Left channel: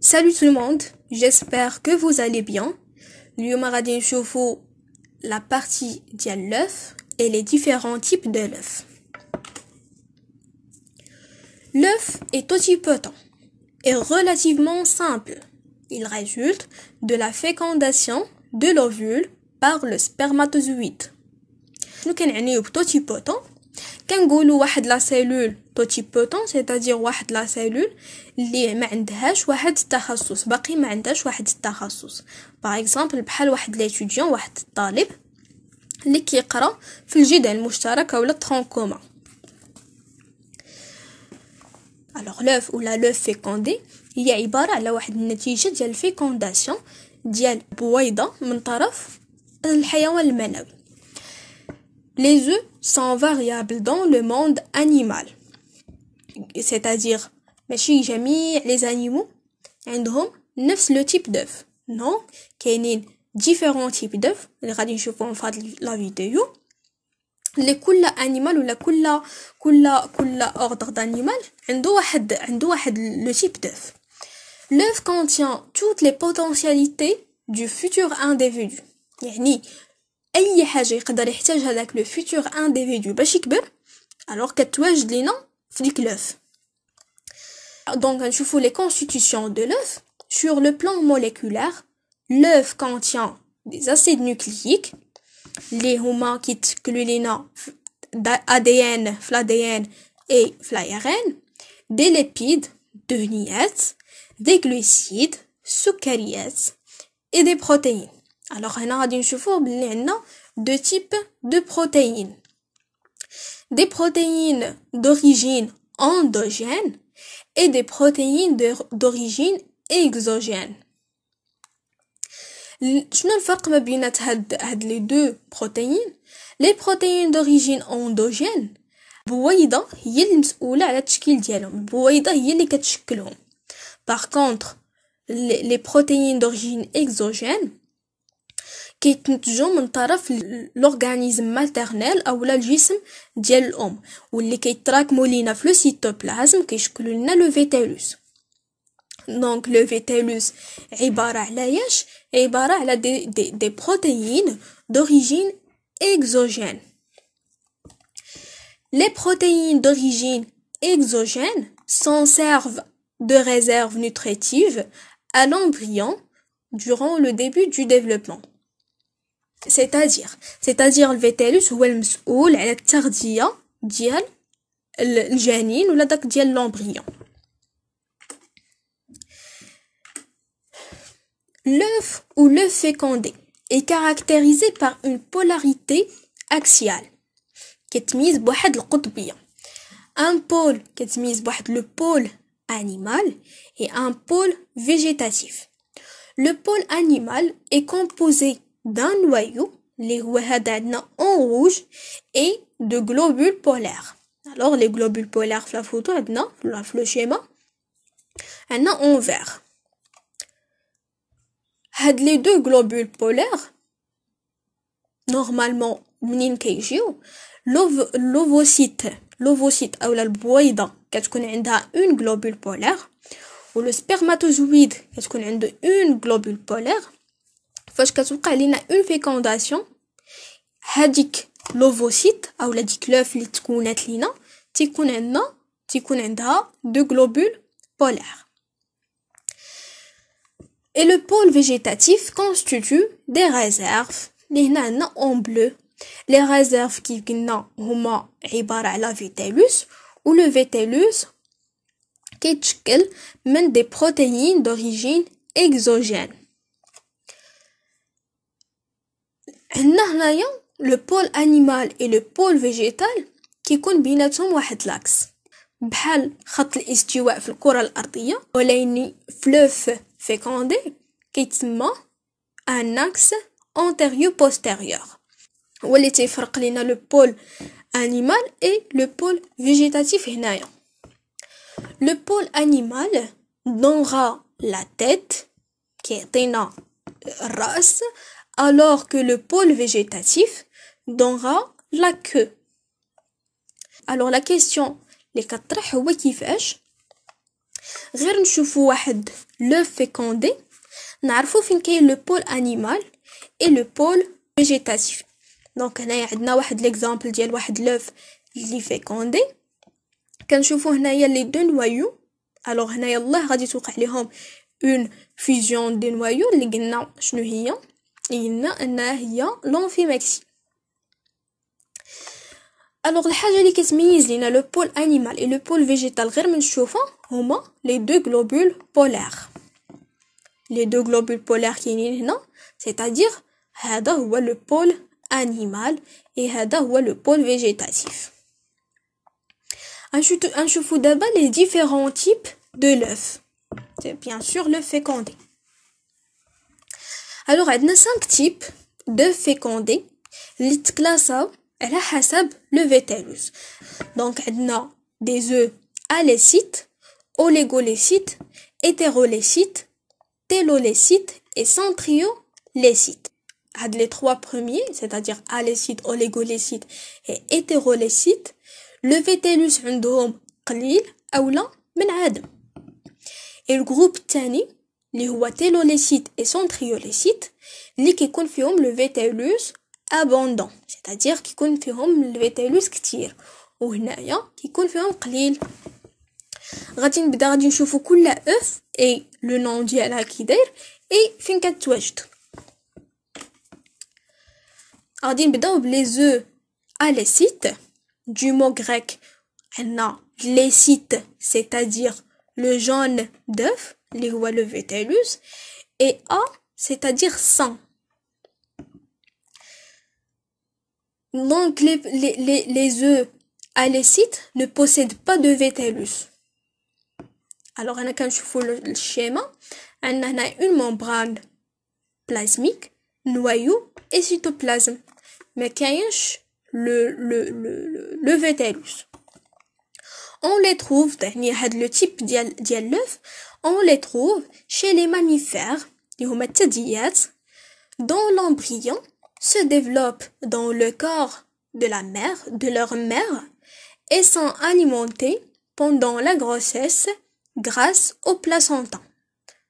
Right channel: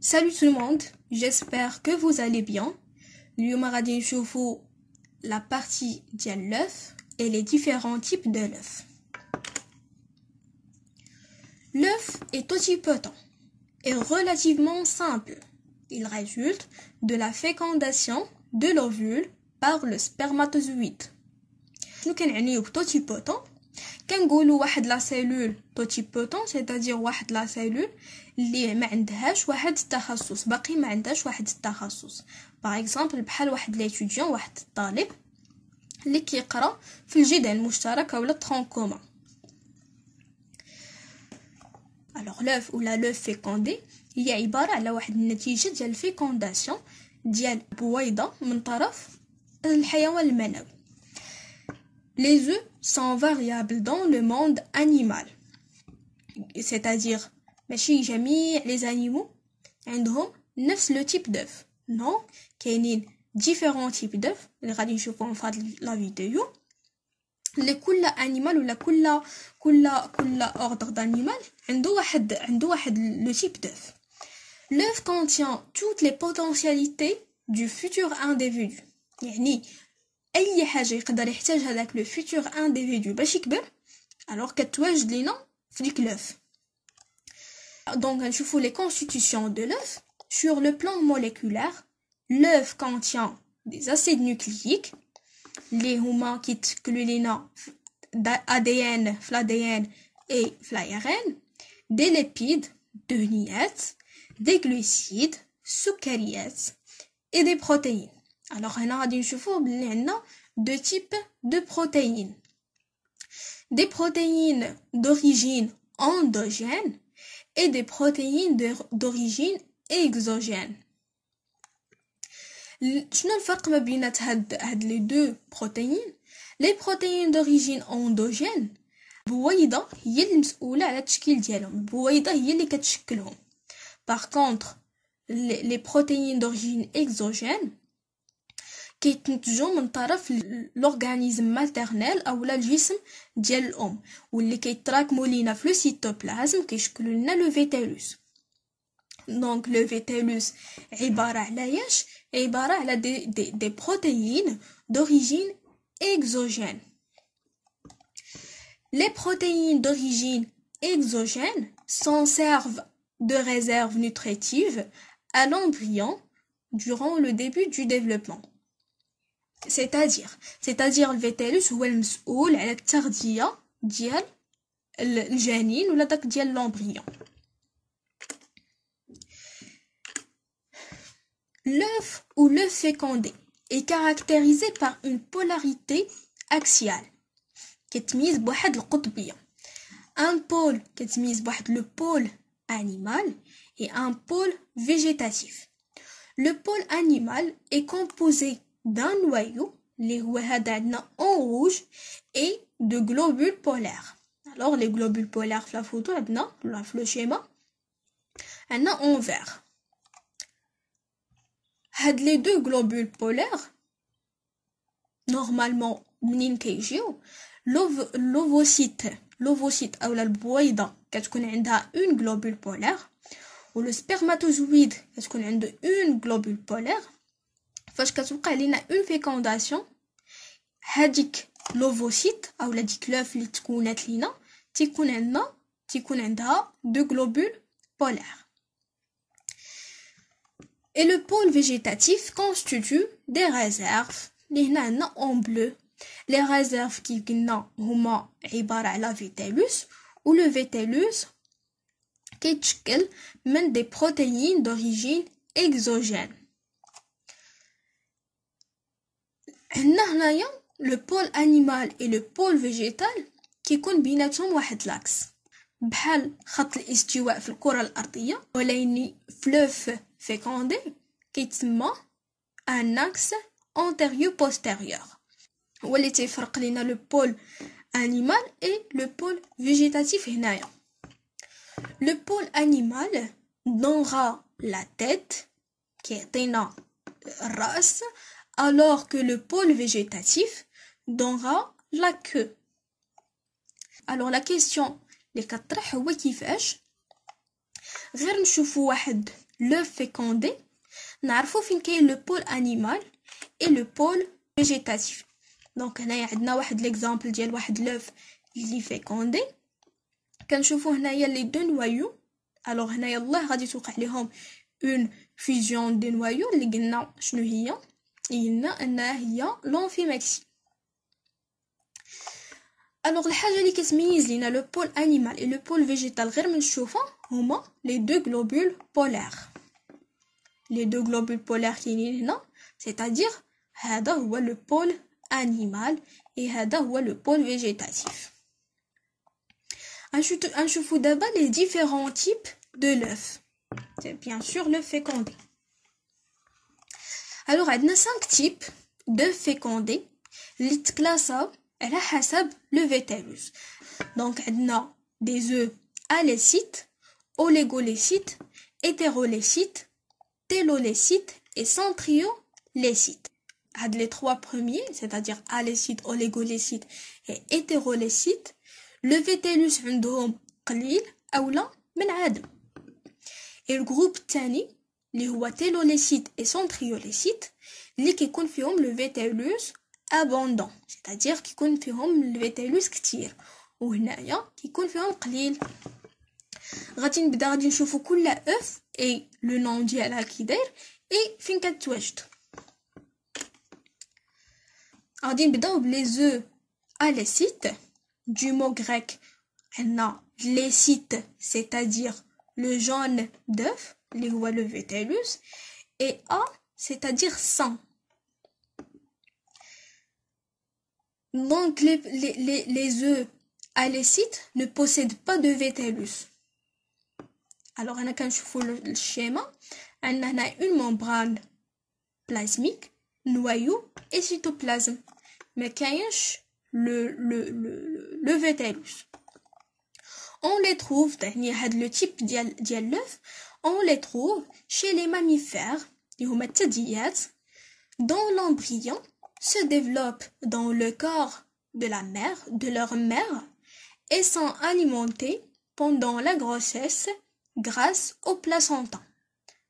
Salut tout le monde, j'espère que vous allez bien. اليوم غادي نشوفوا la partie ديال l'œuf et les différents types de l'œuf. L'œuf est totipotent et relativement simple. Il résulte de la fécondation de l'ovule par le spermatozoïde. شنو كنعنيو بتوتيبوتون؟ كنقولوا واحد لا سيلول توتيبوتون c'est-à-dire واحد لا سيلول اللي ما عندهاش واحد التخصص، باقي ما عندهاش واحد التخصص. باغ اكزامبل بحال واحد ليتوديون، واحد الطالب اللي كيقرا في الجدع المشترك اولا ترون كومون. alors l'œuf ou la l'œuf fécondé هي عباره على واحد النتيجه ديال الفيكونداسيون ديال بويضه من طرف الحيوان المنوي. Les œufs sont variables dans le monde animal. C'est-à-dire, ماشي جميع les animaux عندهم نفس le type d'œuf. Non, كاينين différents types d'œufs اللي غادي نشوفوهم في هاد لا فيديو. لكل animal ولا كل ordre d'animal عنده واحد le type d'œuf. L'œuf contient toutes les potentialités du futur individu. يعني اي حاجه يقدر يحتاج هذاك لو فيتور انديفيدو باش يكبر alors كتواجد لينا في ديك l'œuf. Donc نشوفوا les constitutions de l'œuf. Sur le plan moléculaire, l'œuf contient des acides nucléiques اللي هما كيتشكلوا لينا ADN في l'ADN et في l'ARN, des lipides دهنيات, des glucides سكريات et des protéines. Alors هنا غادي نشوفوا بلي عندنا deux types de protéines. Des protéines d'origine endogène et des protéines d'origine exogène. شنو الفرق ما بين هاد لي دو بروتيين؟ لي بروتيين d'origine endogène بويضه هي المسؤوله على التشكيل ديالهم، البويضه هي اللي كتشكلهم. Par contre les protéines d'origine exogène كيتنتجوا من طرف لورغانيزم ماتيرنيل اولا الجسم ديال الام، واللي كيتراكموا لينا في لو سيتوبلازم كيشكلوا لنا لو فيتالوس. دونك لو فيتالوس عباره على عباره على دي بروتيين d'origine exogène. Les protéines d'origine exogène s'en servent de réserve nutritive à l'embryon durant le début du développement. c'est-à-dire الفيتالوس هو المسؤول على التغذية ديال الجنين ولا داك ديال l'embryon. L'œuf ou l'œuf fécondé est caractérisé par une polarité axiale كتميز بواحد القطبية. Un pôle كتميز بواحد le pôle animal et un pôle végétatif. Le pôle animal est composé d'un noyau اللي هو هذا عندنا en rouge et de globules polaires. Alors les globules polaires في la photo عندنا في le schéma عندنا en vert. هاد les deux globules polaires normalement منين كيجيو l'ovocyte اولا البويضه كتكون عندها une globule polaire و le spermatozoïde كتكون عنده une globule polaire. فاش كتوقع لينا اون فيكونداسيون هاديك لوفوسيت اولا ديك لوف اللي تكونات لينا تيكون عندها دو globule polaires. Et le pôle végétatif constitue des réserves اللي هنا عندنا en bleu. Les réserves كي قلنا هما عبارة على فيتالوس و لو فيتالوس كيتشكل من des protéines d'origine exogène. هنايا le pôle animal et le pôle végétal كيكون بيناتهم واحد لاكس بحال خط الاستواء في الكرة الأرضية، ولكن في l'œuf fécondé كيتسمى un axe antérieur-postérieur هو اللي تيفرق لينا le pôle animal et le pôle végétatif هنايا. Le pôle animal donnera la tête كيعطينا الرأس alors que le pôle végétatif donnera la queue. Alors la question اللي كطرح هو كيفاش غير نشوفوا واحد لوف فيكوندي نعرفوا فين كاين لو بول انيمال اي لو بول فيجيتاتيف. دونك هنايا عندنا واحد ليكزامبل ديال واحد لوف اللي فيكوندي. كنشوفوا هنايا لي دو نوايو. الوغ هنايا الله غادي توقع ليهم اون فيزيون دي نوايو اللي قلنا شنو هي. قلنا انها هي لونفيماكسي. الوغ الحاجه اللي كتميز لينا لو بول انيمال اي لو بول فيجيتال غير من نشوفها هما لي دو غلوبول بولار. لي دو غلوبول بولار كاينين هنا، c'est-à-dire هذا هو لو بول انيمال اي هذا هو لو بول فيجيتاتيف. نشوفوا دابا لي ديفيرون تيب دو لوف. C'est bien sûr le fécondé. Alors عندنا 5 types de fécondé اللي تكلاساو على حسب le vétellus. Donc عندنا des œufs alécites, oligolécites, hétérolécites, télolécites et centriolécites. هاد les trois premiers, c'est-à-dire alécites, oligolécites et hétérolécites, le vétellus عندهم قليل أولا من عدم. Et le groupe الثاني اللي هو télolécite et centriolécite اللي كيكون فيهم le vétellus abondant, c'est-à-dire كيكون فيهم le vétellus كتير وهنايا كيكون فيهم قليل. غادي نشوفوا كل اف اي لو نون ديالها كي داير اي فين كتواجد. غادي نبداو بلي زو alécites du mot grec عندنا lécite, c'est-à-dire le jaune d'œuf اللي هو le vétellus et A, c'est-à-dire sang. Donc les œufs alécites ne possèdent pas de vétellus. Alors هنا كنشوفوا الشيما عندنا هنا une membrane plasmique, noyau et cytoplasme. ما كاينش le vétellus. On les trouve يعني هاد le type ديال l'œuf on les trouve chez les mammifères اللي هما الثدييات dont l'embryon se développe dans le corps de leur mère et sont alimentés pendant la grossesse grâce au placenta.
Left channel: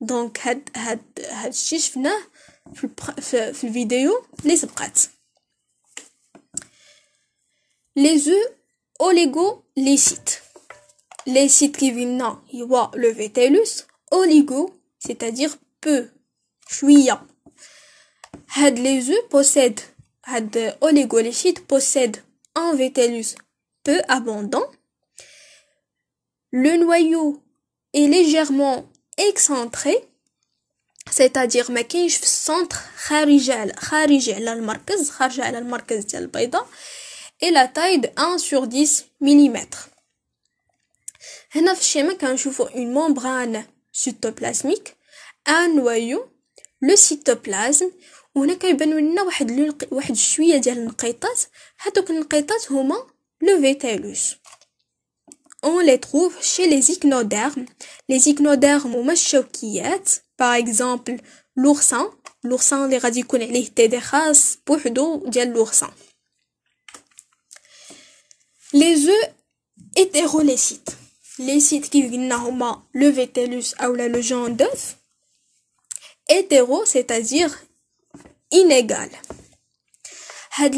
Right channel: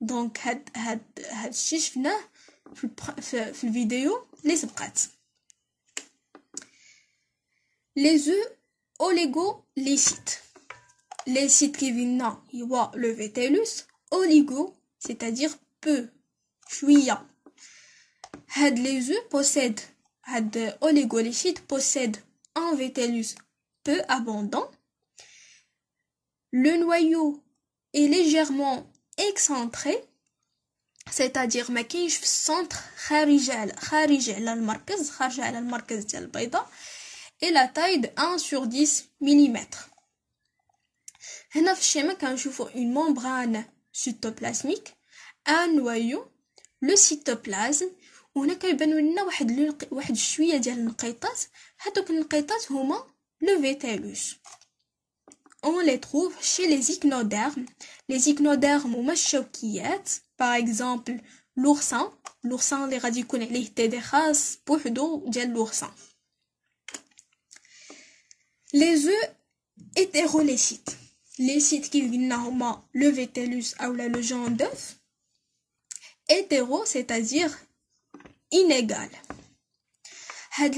Donc هاد الشيء شفناه في الفيديو اللي سبقات. Les œufs oligolécites. Lécite qui vient هو le vétellus, oligo c'est-à-dire peu, شوية. هاد les œufs possèdent, هاد oligolécite possède un vétellus peu abondant. Le noyau est légèrement excentré, c'est-à-dire ما كاينش في السنتر خارج على المركز ديال البيضة. Et la taille de 1 sur 10 mm. هنا في الشيما كنشوفوا une membrane cytoplasmique, un noyau, le cytoplasme. وهنا كيبانوا لنا واحد شويه ديال النقيطات. هادوك النقيطات هما le vétellus. On les trouve chez les echinodermes. Les echinodermes هما الشوكيات. Par exemple l'oursin اللي غادي يكون عليه تيدي خاص بوحدو ديال l'oursin. Les œufs hétérolécites. Les sites qui viennent le vétellus ou le jaune d'œuf. Hétéro, c'est-à-dire inégal.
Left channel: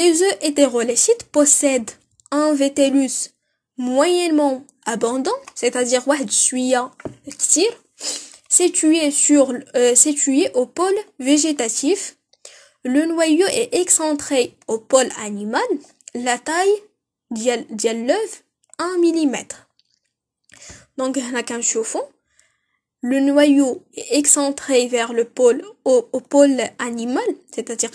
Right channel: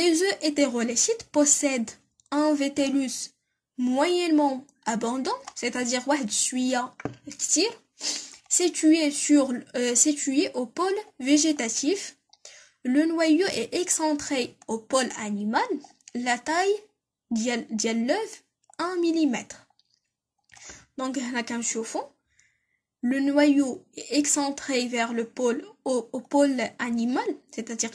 Les œufs hétérolécites possèdent un vétellus moyennement abondant, c'est-à-dire situé au pôle végétatif. Le noyau est excentré au pôle animal. La taille ديال l'œuf 1 mm. Donc هنا كنشوفوا le noyau est excentré vers le pôle au pôle animal, c'est-à-dire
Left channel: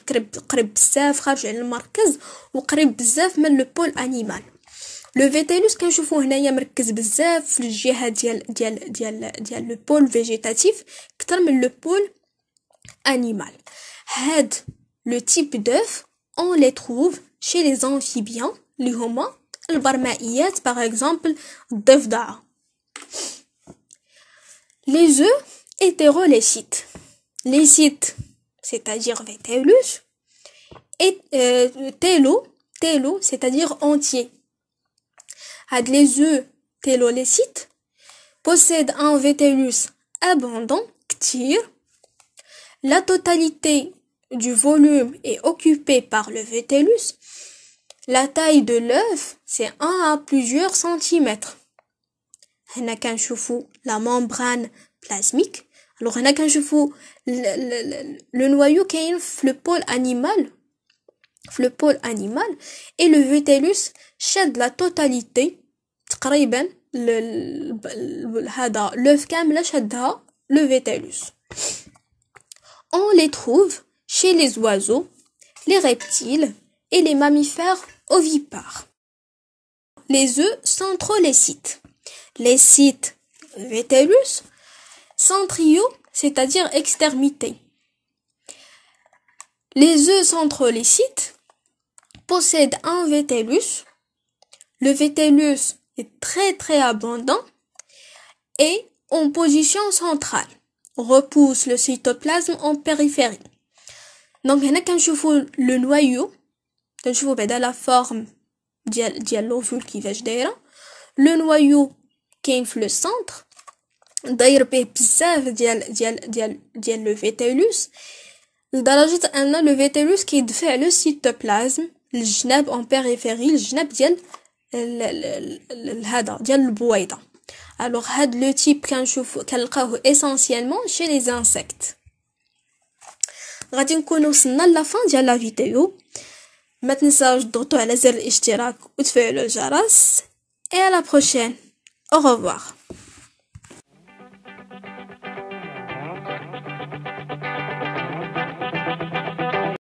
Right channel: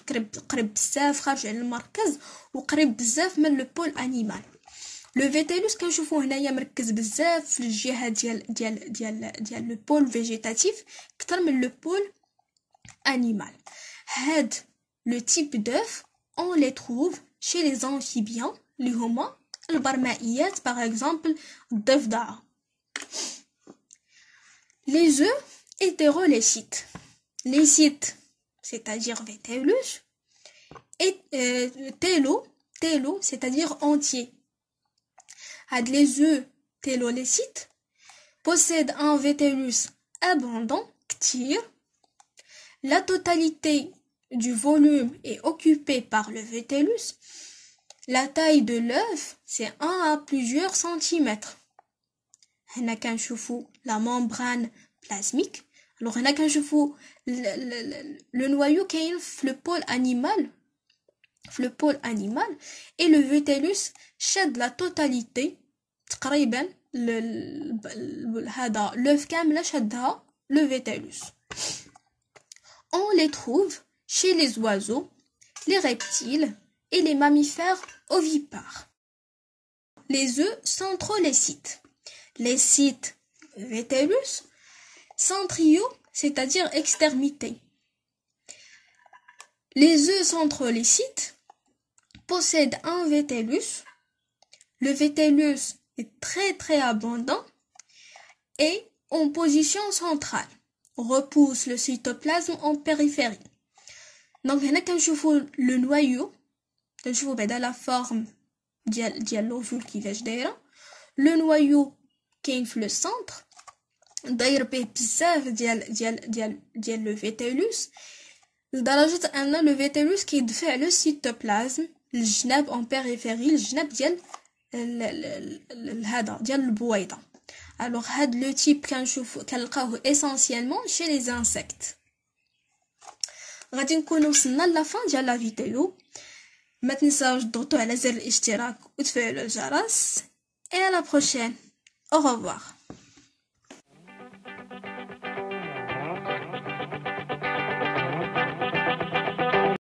قريب بزاف خارج على المركز وقريب بزاف من le pôle animal. Le vétellus كنشوفوه هنايا مركز بزاف في الجهه ديال le pôle végétatif اكثر من le pôle animal. هاد le type d'œuf on les trouve chez les amphibiens اللي هما البرمائيات par exemple الضفدعة. Les œufs hétérolécites. Lécite, c'est-à-dire vétellus, et télo, c'est-à-dire entier. Les œufs télolécites possède un vétellus abondant, كتير. La totalité du volume est occupée par le vétellus. La taille de l'œuf, c'est 1 à plusieurs centimètres. هنا كنشوفوا la membrane plasmique. Alors هنا كنشوفوا le noyau كاين في le pôle animal et le vétellus شاد la totalité تقريبا هذا l'œuf كامله شادها le vétellus. On les trouve chez les oiseaux, les reptiles et les mammifères ovipares. Les œufs centrolécites. Les sites vétellus centriaux, c'est-à-dire extrémités. Les œufs centrolécites possèdent un vétellus. Le vétellus est très abondant et en position centrale. Repousse le cytoplasme en périphérie. Donc هنا كنشوفوا le noyau, كنشوفوا بعدا la forme ديال l'ovule كيفاش دايره. Le noyau كاين في le centre داير به بزاف ديال le vétellus لدرجه ان le vétellus كيدفع le cytoplasme للجناب en périphérie, الجناب ديال هذا ديال البويضه. Alors هاد لو تيب كنلقاوه essentiellement chez les insectes. غادي نكونوا وصلنا لافان ديال لا فيديو. ما تنساوش تضغطوا على زر الاشتراك وتفعلوا الجرس. Et à la prochaine. Au revoir.